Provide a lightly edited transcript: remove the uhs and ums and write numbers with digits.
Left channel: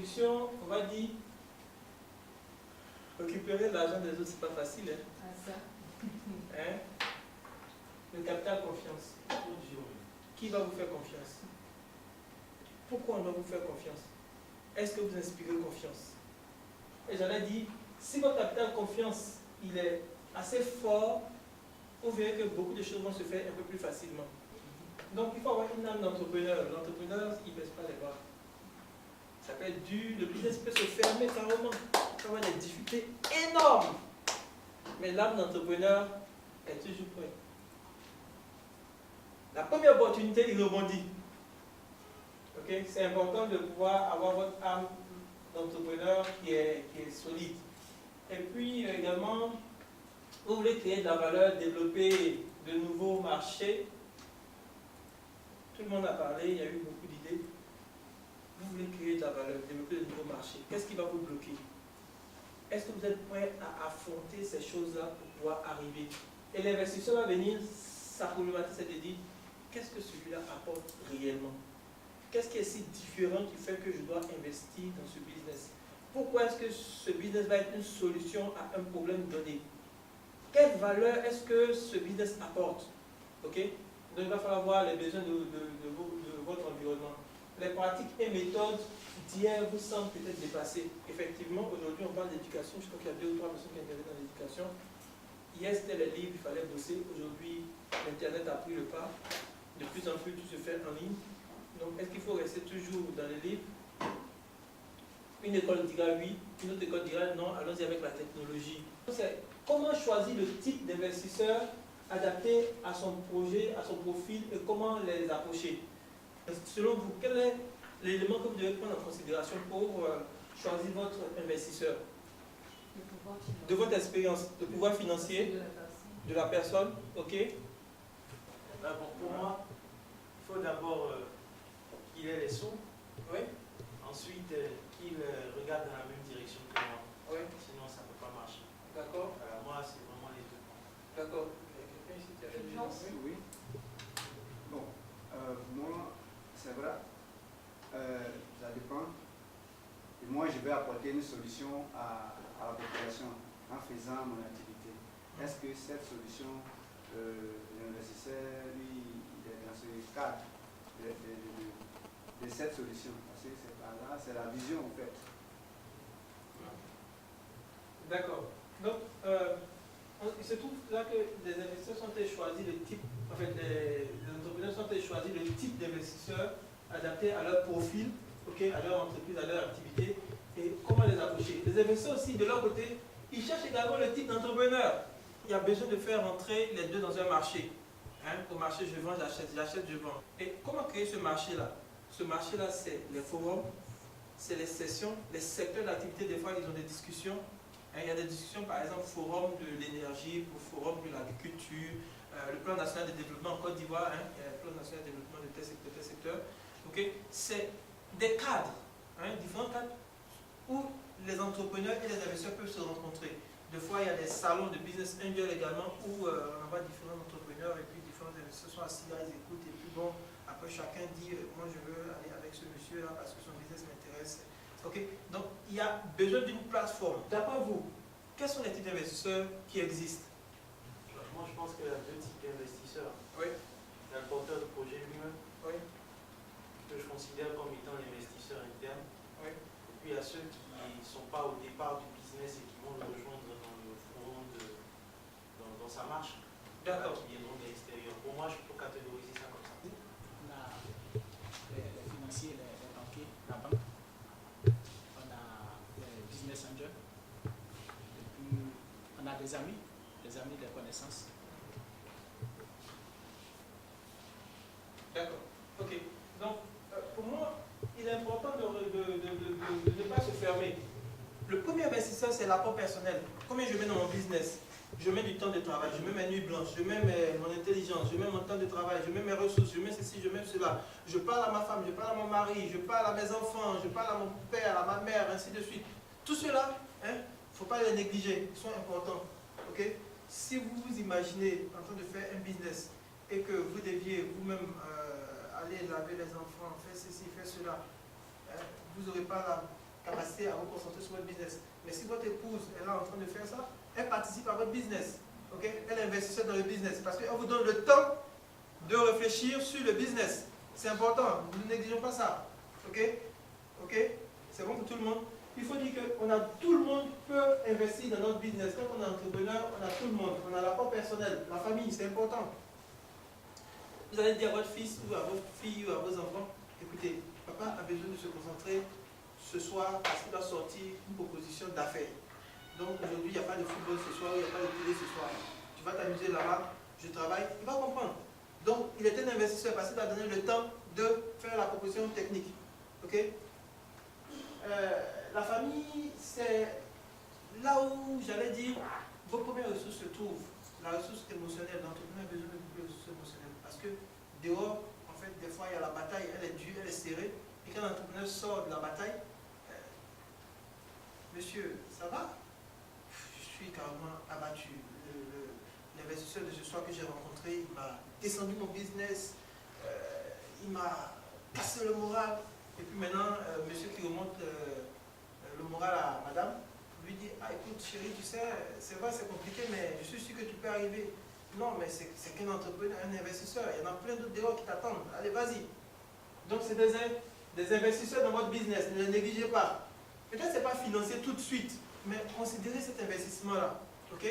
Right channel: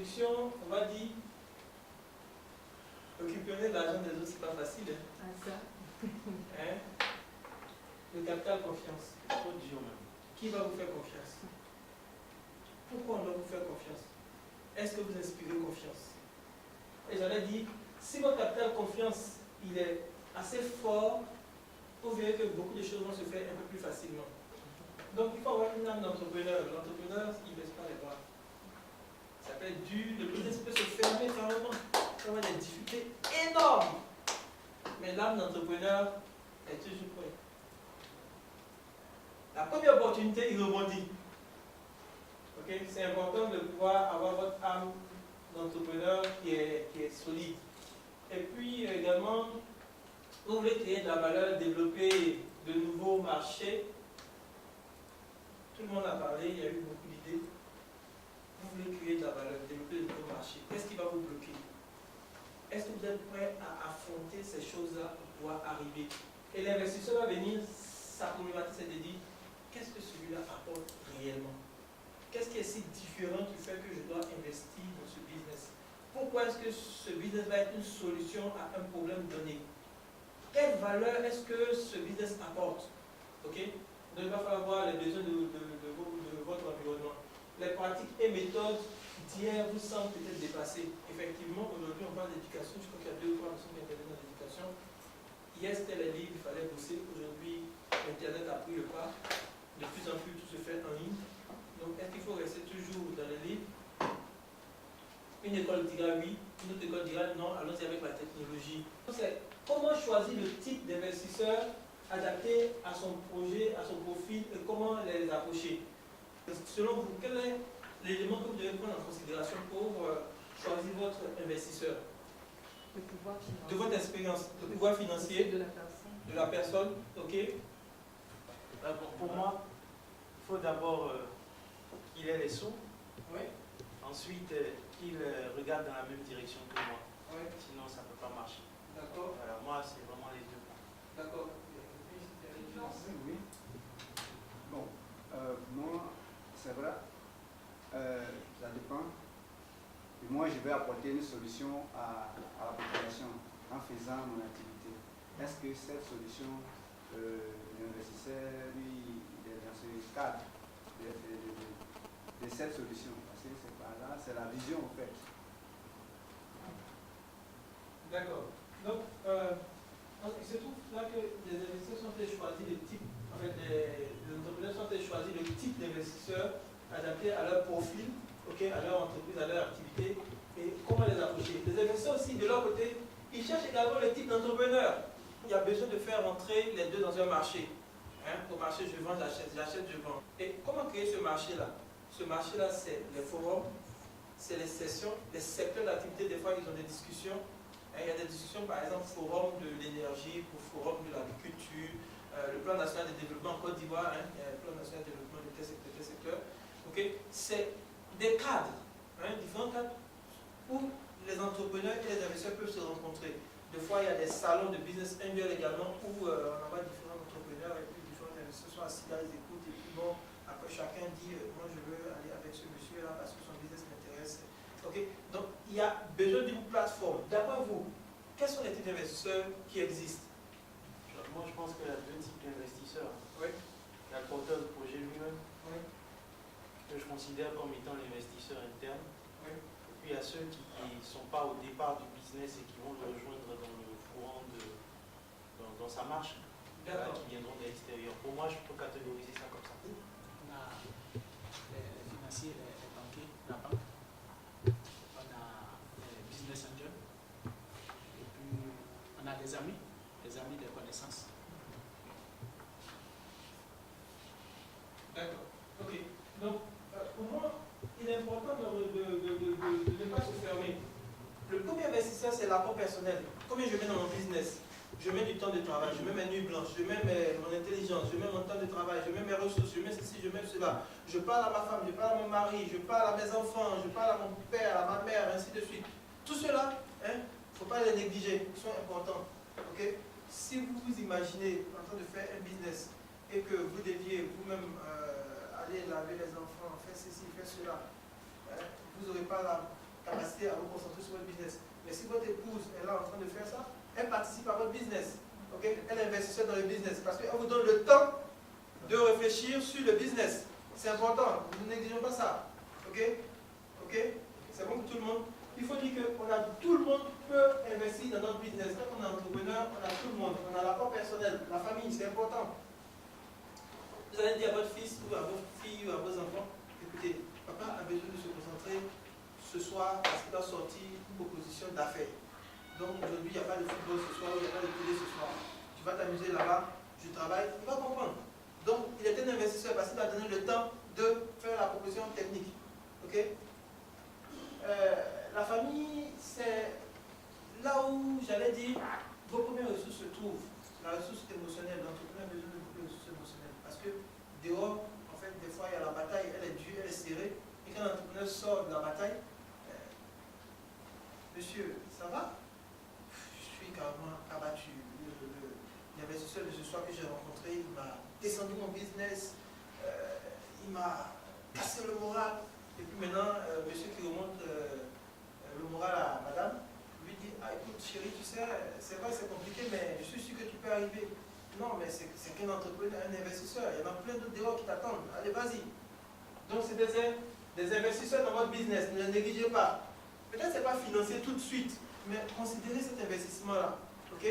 introduction, on va dire, récupérer l'argent des autres, c'est pas facile. Hein? Ah, ça. Hein? Le capital confiance. Qui va vous faire confiance? Pourquoi on doit vous faire confiance? Est-ce que vous inspirez confiance? Et j'en ai dit, si votre capital confiance il est assez fort, vous verrez que beaucoup de choses vont se faire un peu plus facilement. Donc il faut avoir une âme d'entrepreneur. L'entrepreneur, il ne baisse pas les bras. Ça peut être dur, le business peut se fermer carrément. Il faut avoir des difficultés énormes. Mais l'âme d'entrepreneur est toujours prête. La première opportunité, il rebondit. Okay? C'est important de pouvoir avoir votre âme d'entrepreneur qui est solide. Et puis également, vous voulez créer de la valeur, développer de nouveaux marchés. Tout le monde a parlé, il y a eu beaucoup d'idées. Vous voulez créer de la valeur, développer de nouveaux marchés. Qu'est-ce qui va vous bloquer? Est-ce que vous êtes prêt à affronter ces choses-là pour pouvoir arriver? Et l'investisseur va venir, sa problématique c'est de dire, qu'est-ce que celui-là apporte réellement? Qu'est-ce qui est si différent qui fait que je dois investir dans ce business? Pourquoi est-ce que ce business va être une solution à un problème donné? Quelle valeur est-ce que ce business apporte? Okay? Donc il va falloir voir les besoins de votre environnement. Les pratiques et méthodes d'hier vous semblent peut-être dépassées. Effectivement, aujourd'hui on parle d'éducation. Je crois qu'il y a 2 ou 3 personnes qui interviennent dans l'éducation. Hier c'était les livres, il fallait bosser. Aujourd'hui, Internet a pris le pas. De plus en plus, tout se fait en ligne. Donc, est-ce qu'il faut rester toujours dans les livres? Une école dira oui, une autre école dira non, allons-y avec la technologie. C'est comment choisir le type d'investisseur adapté à son projet, à son profil et comment les approcher. Selon vous, quel est l'élément que vous devez prendre en considération pour choisir votre investisseur? Le pouvoir financier. De votre expérience, le pouvoir financier de la personne, ok? Pour moi, il faut d'abord qu'il ait les sous. Oui. Ensuite, qu'il regarde dans la même direction que moi. Oui. Sinon, ça ne peut pas marcher. D'accord. Voilà, moi, c'est vraiment les deux. D'accord. Oui. Bon, moi, c'est vrai, ça dépend. Et moi, je vais apporter une solution à la population en faisant mon activité. Est-ce que cette solution, l'investisseur, lui, il est dans ce cadre de cette solution? Parce que c'est par là, c'est la vision en fait. D'accord. Donc, il se trouve là que les investisseurs sont choisis le type, en fait, les entrepreneurs sont choisis le type d'investisseur adapté à leur profil, okay, à leur entreprise, à leur activité, et comment les approcher. Les investisseurs aussi, de leur côté, ils cherchent également le type d'entrepreneur. Il y a besoin de faire rentrer les deux dans un marché. Hein? Au marché, je vends, j'achète, je vends. Et comment créer ce marché-là? Ce marché-là, c'est les forums, c'est les sessions, les secteurs d'activité. Des fois, ils ont des discussions. Il y a des discussions, par exemple, forum de l'énergie, forum de l'agriculture, le plan national de développement en Côte d'Ivoire, il y a le plan national de développement de tel secteur. Okay? C'est des cadres, différents cadres, où les entrepreneurs et les investisseurs peuvent se rencontrer. Des fois, il y a des salons de business angel également, où on envoie différents entrepreneurs et puis différents investisseurs sont assis là, ils écoutent, et puis bon, après chacun dit, moi je veux aller avec ce monsieur-là parce que son business m'intéresse. Okay? Donc, il y a besoin d'une plateforme. D'après vous, quels sont les types d'investisseurs qui existent? Moi, je pense qu'il y a 2 types d'investisseurs. Oui. Il y a le porteur de projet lui-même, Oui. que je considère comme étant l'investisseur interne. Oui. Et puis, il y a ceux qui ne sont pas au départ du business et qui vont le rejoindre dans le courant dans sa marche. Voilà, qui viendront de l'extérieur. Pour moi, je peux catégoriser ça comme ça. On a les financiers, les banquiers, la banque. On a les business angels. Et puis, on a des amis, des connaissances. D'accord. Ok. Donc, pour moi, il est important de ne pas se fermer. Le premier investisseur, c'est l'apport personnel. Combien je mets dans mon business? Je mets du temps de travail, je mets mes nuits blanches, je mets mon intelligence, je mets mon temps de travail, je mets mes ressources, je mets ceci, je mets cela. Je parle à ma femme, je parle à mon mari, je parle à mes enfants, je parle à mon père, à ma mère, ainsi de suite. Tout cela, il ne faut pas les négliger, ils sont importants. Okay? Si vous vous imaginez en train de faire un business et que vous deviez vous-même aller laver les enfants, faire ceci, faire cela, vous n'aurez pas capacité à vous concentrer sur votre business. Mais si votre épouse est là en train de faire ça, elle participe à votre business. Okay? Elle est investisseuse dans le business parce qu'elle vous donne le temps de réfléchir sur le business. C'est important, nous ne négligeons pas ça. Ok? Ok? C'est bon pour tout le monde? Il faut dire que tout le monde peut investir dans notre business. Quand on est entrepreneur, on a tout le monde. On a l'apport personnel, la famille, c'est important. Vous allez dire à votre fils ou à votre fille ou à vos enfants, écoutez, papa a besoin de se concentrer ce soir parce qu'il doit sortir une proposition d'affaires. Donc aujourd'hui, il n'y a pas de football ce soir, il n'y a pas de télé ce soir. Tu vas t'amuser là-bas, je travaille, il va comprendre. Donc il est un investisseur parce qu'il a donné le temps de faire la proposition technique. Ok? La famille, c'est là où, j'allais dire, vos premières ressources se trouvent. La ressource émotionnelle, l'entrepreneur a besoin de beaucoup de ressources émotionnelles. Parce que dehors, en fait, des fois, il y a la bataille, elle est dure, elle est serrée. Et quand l'entrepreneur sort de la bataille, monsieur, ça va? Je suis carrément abattu. L'investisseur de ce soir que j'ai rencontré, il m'a descendu mon business, il m'a cassé le moral. Et puis maintenant, monsieur qui remonte le moral à madame, lui dit, ah écoute chérie, tu sais, c'est vrai, c'est compliqué, mais je suis sûr que tu peux arriver. Non, mais c'est qu'un entrepreneur, un investisseur, il y en a plein d'autres dehors qui t'attendent. Allez, vas-y. Donc c'est des investisseurs dans votre business, ne les négligez pas. Peut-être que ce n'est pas financier tout de suite, mais considérez cet investissement-là. Ok?